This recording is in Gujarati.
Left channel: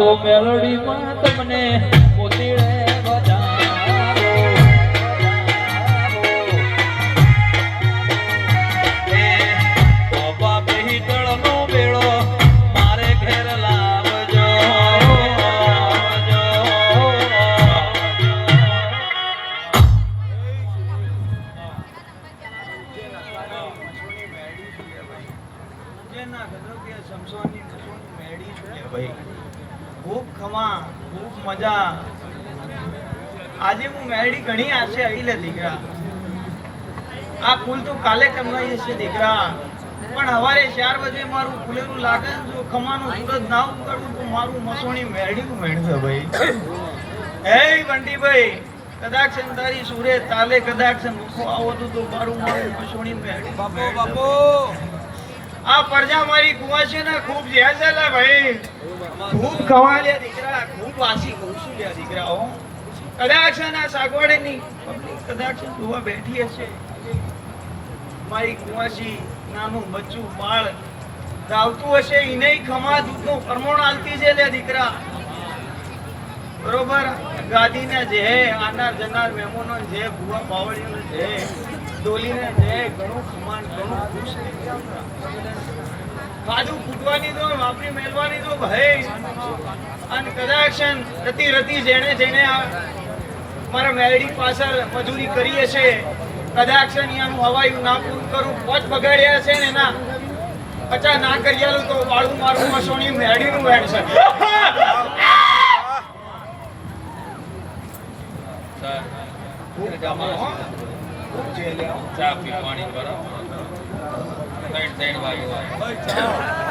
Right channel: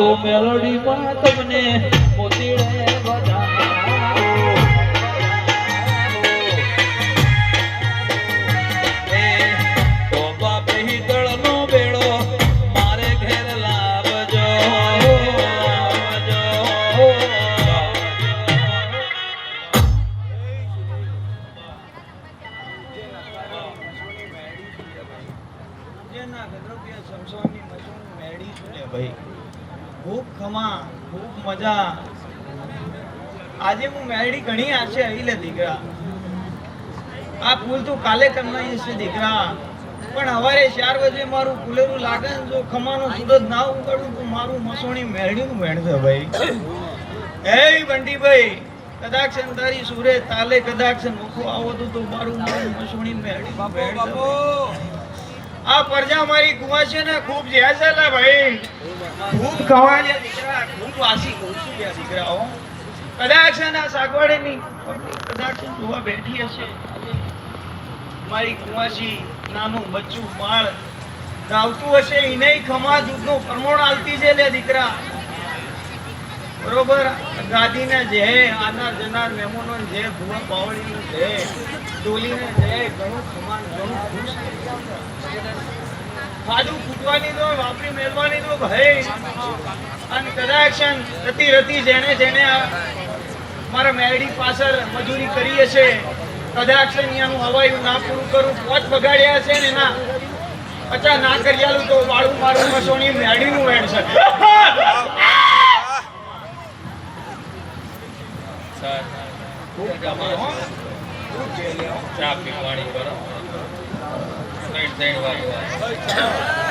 તો મેલડીમાં તમને મોતીડે વધારો એ બાબા બેહીતળનો બેડો મારે ઘેર લાવજો ખૂબ ખમા ખૂબ મજા આજે હું મેળી ઘણી આવશે આવી લે દીકરા આ ફૂલ તું કાલે કમાઈ છે દીકરા પણ હવારે 4 વાગે મારું ફૂલેરું લાગે ને જો ખમાનું સૂરજ ના ઉગાડું તો મારું મસોણી મેળીનું મેળશે ભાઈ એ બંટીભાઈ કદાચ તારી સુરે તાલે કદાચ મુખો આવો તો મારું મસોણી મેળી બાપો બાપો આ પરજા મારી કુવા ને ખૂબ જ્યાસલા ભાઈ ખૂબ કમાયા દીકરા ખૂબ વાસી ઘૂસી દીકરાઓ કદાચ ના સાગવડની કદાચ જોવા બેઠી હશે મારી કુવાસી નાનું બચ્ચું બાળ ધાવતું હશે એને ખમા દૂધનો પરમોણ આલતી છે લે દીકરા બરોબર ગાદીને જે આનાર જનાર મહેમાનો જે ભૂવા બાવળીનું જે ડોલીને જે ઘણું ખમાન ઘણું ખુશ ખાધું ફૂટવાની તો વાપરી મેળવાની તો ભાઈ અને કદાચ રતી રતી જેણે જેણે મારા મેરડી પાછળ મજૂરી કરી હશે કદાચ અહીંયાનું હવાયું ના પૂરું કરું પોત બગાડ્યા છે ને એના 50 ના કર્યાલું તો વાળું મારું મસોણી મેરડીનું વેણ છે ખૂબ કમાઓ ખૂબ ચા પીવાની કરો 3 વાળી